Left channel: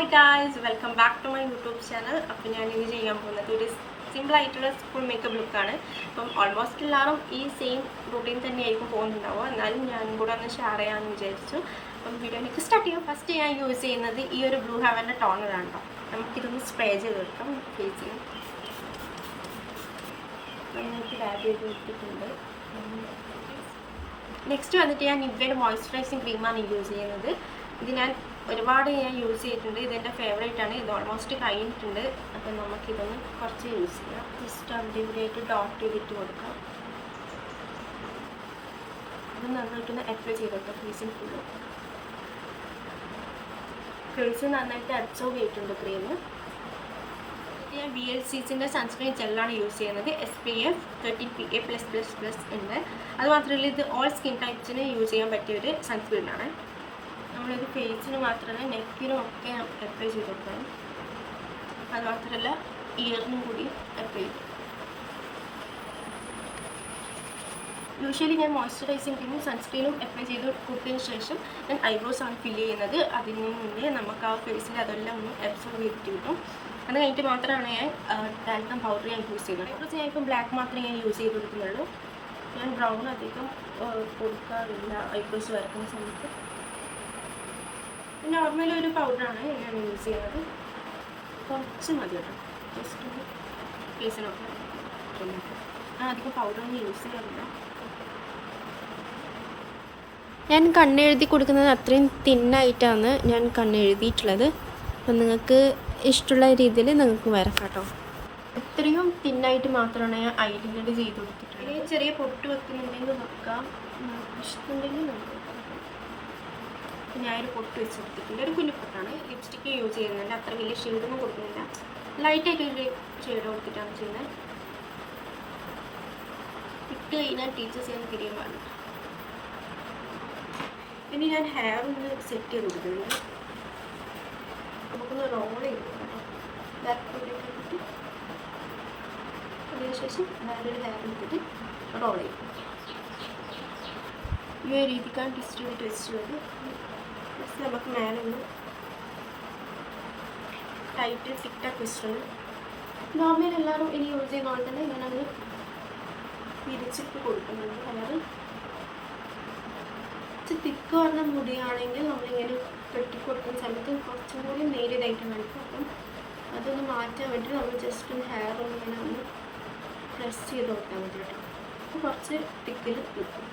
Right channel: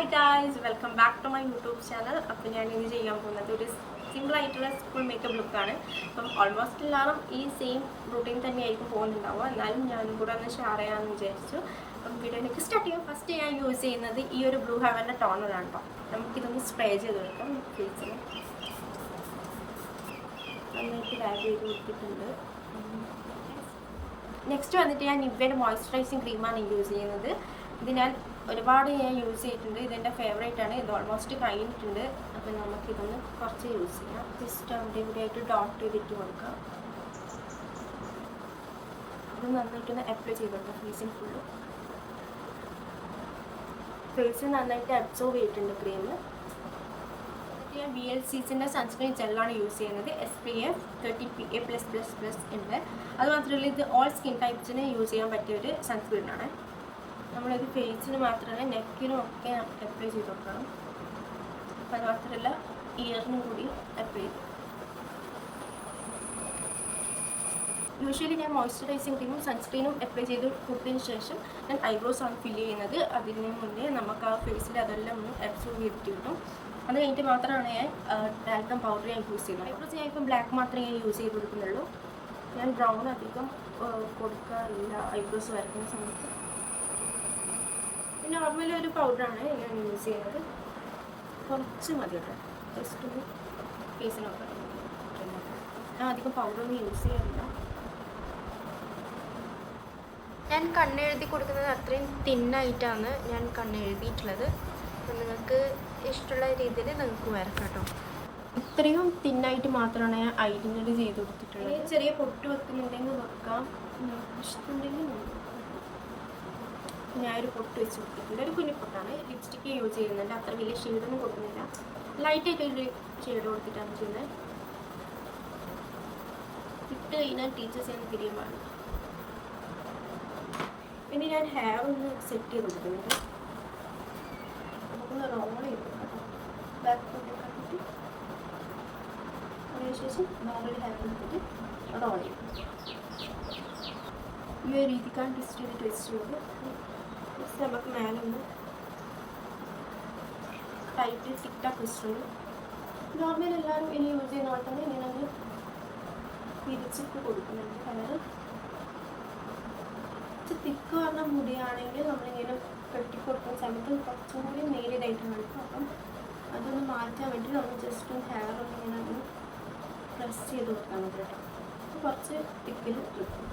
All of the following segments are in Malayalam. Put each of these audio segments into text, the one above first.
Hi guys, welcome back to my YouTube channel. അപ്പോൾ ഞാൻ ഇത് ചെയ്യാൻ പോകുന്നത് ഒരു സിമ്പിൾ ആയിട്ടുള്ള സ്കൂൾ മേക്കപ്പ് ലുക്കാണ്. അപ്പം ഓൾമോസ്റ്റ് എല്ലാവരും ഈ സെയിം റൂട്ടീൻ തന്നെയായിരിക്കും പോകുന്നുണ്ടാവുക. എന്നാലും ഞാനും കൂടെ ഒന്ന് ഷെയർ ചെയ്യാമെന്ന് വിചാരിച്ചു. അപ്പം വീഡിയോയിലേക്ക് സ്റ്റാർട്ട് ചെയ്യാം. ഫസ്റ്റ് ഞാൻ യൂസ് ചെയ്യുന്നത് ഈ ഒരു ബ്ലൂ ഹെവൻ്റെ ടോണറാണ് കേട്ടോ. നമുക്കിതൊന്ന് സ്പ്രേ ചെയ്ത് കൊടുക്കാം ഫേസിൽ. നന്നായിട്ട് ലാബ് ചെയ്ത് കൊടുത്തിട്ടുണ്ട്. നെക്സ്റ്റ് വന്നിട്ട് ഞാൻ നിവ്യയുടെ മോയ്സ്ചറൈസിങ് ക്രീമാണ് യൂസ് ചെയ്യുന്നത്. ഇത് ഞാൻ ഒരുപാട് യൂസ് ചെയ്തിട്ടുണ്ട്. ഇതെൻ്റെ ഫേവറേറ്റ് ആണ്. ഇത് ഓൾമോസ്റ്റ് കഴിഞ്ഞിട്ടുണ്ട്. അപ്പം നമുക്കിതൊന്ന് കുറച്ച് യൂസ് ചെയ്യാം. ജസ്റ്റ് അവിടെ ഇവിടെ ആയിട്ട് ഡോട്ട് ചെയ്തിട്ട് കൊടുക്കാം. ഇത് നന്നായിട്ടൊന്ന് അപ്ലൈ ചെയ്ത് കൊടുക്കാം ഫേസിൽ ഫുള്ള്. ഫേസ് നന്നായിട്ട് അബ്സോർവ് ചെയ്തിട്ടുണ്ട് ക്രീം. ഞാൻ VLCCൻ്റെ സൺസ്ക്രീൻ ജെല്ലാണ് യൂസ് ചെയ്യുന്നത്. SPF 30PA+++ ഉണ്ട്. അതുമാത്രമല്ല ഇത് ഓൾ സ്കിൻ ടൈപ്സിന് യൂസ് ചെയ്യാൻ പറ്റിയ ഒരു സൺസ്ക്രീനാണ്. നമ്മളിത് ഫേസിന് മാത്രമല്ല നെക്കിനും ഒക്കെ അപ്ലൈ ചെയ്ത് കൊടുക്കണം. അത് മാത്രമല്ല ഇയറിനും കൂടി അപ്ലൈ ചെയ്തു. യൂഷ്വലി ഞാൻ മോയ്സ്ചറൈസിങ് ക്രീമും സൺസ്ക്രീനും അപ്ലൈ ചെയ്ത് കൊടുത്തതിന് ശേഷം ഞാൻ ഐബ്രോസ് ആണ് ഫില്ല് ചെയ്യുന്നത്. അതിന് മുന്നേ നമുക്ക് ആ ഫേസിൽ അതെല്ലാം ഒന്ന് അബ്സോർവ് ചെയ്തിട്ട് കിട്ടും. അത് കഴിഞ്ഞിട്ട് മാത്രമാണ് ഞാൻ ടാൽക്കം പൗഡർ ഞാൻ യൂസ് ചെയ്യുന്നത്. ഐബ്രോസ് ഞാൻ ഇപ്പം ബ്ലാക്ക് മാത്രമേ ഞാൻ യൂസ് ചെയ്ത് കൊടുക്കുന്നുള്ളൂ. ഞാൻ ബ്രൗൺ അധികം കൊടുക്കാറില്ല ഐബ്രോസ് വരക്കുന്ന സമയത്ത്. നോർമലി ഒരു പൗഡറാണ് ഞാൻ യൂസ് ചെയ്യുന്നത്. കുറച്ച് മതി കേട്ടോ. ജസ്റ്റ് ഒന്ന് ഫേസിനൊക്കെ ഞാൻ അധികം പൗഡറൊന്നും യൂസ് ചെയ്യാറില്ല. ഞാൻ കണ്ണെഴുതി കൊടുക്കുന്നത് അത്രയും തിന്നായിട്ടാണ് ഞാൻ കണ്ണെഴുതിയിട്ടുള്ളത്. അപ്പം നിങ്ങൾക്ക് ഇഷ്ടമുള്ള രീതിയിൽ നിങ്ങൾക്ക് വരക്കാം കേട്ടോ. ഇത്രയും തിന്നായിട്ട് മാത്രമാണ് ഞാൻ ഐലൈനർ ചെയ്ത് കൊടുത്തിട്ടുള്ളത്. ചെറിയ പൊട്ട് വെക്കുന്നുണ്ടെങ്കിൽ വെക്കാം, ഇഷ്ടമുണ്ടെങ്കിൽ നമുക്ക് ഞാനൊരു പൊട്ട് വെച്ച് കൊടുത്തിട്ടുണ്ട്. ഒരു കുഞ്ഞു പൊട്ടാണ്. ലിപ്സ്റ്റിക്ക് യൂസ് ചെയ്യുന്നുണ്ട്. അത്ര വലിയ ഷെയ്ഡൊന്നും കൊടുക്കുന്നില്ല. ലൈറ്റായിട്ടൊരു ഷെയ്ഡ് കൊടുത്തിട്ടാണ് ചെയ്യുന്നത്. ഇട്ട് കഴിഞ്ഞാൽ ടീച്ചേഴ്സ് ഞാൻ തിരിയാൻ പാടില്ല. ഇനി ഞാൻ ഹെയർ ഒന്ന് സെറ്റ് ചെയ്ത് കൊടുക്കുന്നുണ്ട്. നമുക്കൊന്ന് റോൾ ചെയ്ത് കൊടുക്കാം കേട്ടോ. ബാക്ക് പോയിലേക്ക് ആക്കിയിട്ട് അതിനുശേഷം വേറൊരു ഹെയർ എടുത്തിട്ട് റോൾ ചെയ്യും. ഈ ഒരു രീതിക്കാണ് ട്വിസ്റ്റ് ചെയ്തിട്ട് വെച്ചിട്ടുള്ളത്. നമുക്ക് മേലെ ഒന്ന് ടൈറ്റ് ടിക്ടാക്ക് ട്വിസ്റ്ററാണ്. നോർമൽ എല്ലാവരും ഇനി യൂസ് ചെയ്യുന്ന പോലെ തന്നെ ഇങ്ങനെ അങ്ങ് പിരിച്ചിട്ട് കൊടുക്കുന്നുണ്ട്. ഹെയർ തിക്ക് പറഞ്ഞ മുടിയാണെങ്കിൽ നമ്മളിങ്ങനെ കെട്ടി കൊടുക്കുന്ന സമയത്ത് കുറച്ചും കൂടി നേരിയതായിട്ട് കാണിക്കും. അപ്പം അതൊന്ന് മാറ്റാൻ വേണ്ടി നമ്മൾ ജസ്റ്റ് ഒന്ന് ഹെയർ ഒന്ന് ഇങ്ങനെ ഒന്ന് പ്രസ് ചെയ്ത് കൊടുത്താൽ മതി കേട്ടോ. അപ്പോൾ കുറച്ച് തിക്കിൽ നിൽക്കും.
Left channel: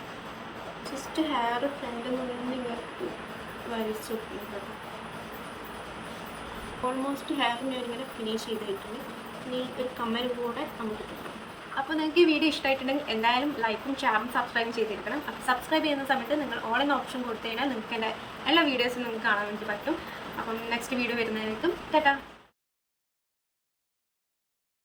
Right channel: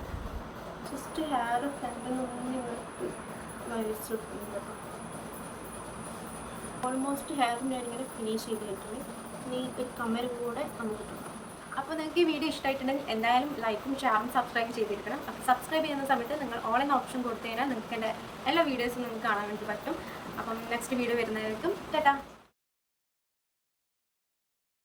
ജസ്റ്റ് ഹെയർ ഫ്രണ്ടിൽ നിന്ന് ഇങ്ങനെ വരച്ച് കൊടുക്കുന്നു കേട്ടോ. ഓൾമോസ്റ്റ് ഹെയർ ഞാനിങ്ങനെ ഫിനിഷ് ചെയ്തിട്ടുണ്ട്. ഇനി ഒരു കമ്മൽ കൂടെ നമുക്ക് കിട്ടും. അപ്പോൾ നിങ്ങൾക്ക് ഈ വീഡിയോ ഇഷ്ടമായിട്ടുണ്ടെങ്കിൽ എന്തായാലും ലൈക്കും ഷെയറും സബ്സ്ക്രൈബ് ചെയ്തിരിക്കണം. അപ്പോൾ സബ്സ്ക്രൈബ് ചെയ്യുന്ന സമയത്ത് നിങ്ങൾ ഓൾ എന്ന ഓപ്ഷൻ കൊടുത്തു കഴിഞ്ഞാൽ നിങ്ങൾക്ക് എൻ്റെ എല്ലാ വീഡിയോസും നിങ്ങൾക്ക് കാണാൻ വേണ്ടി പറ്റും. അപ്പം നെക്സ്റ്റ് വീഡിയോ വരുന്നതായിരിക്കും. ടാറ്റാ.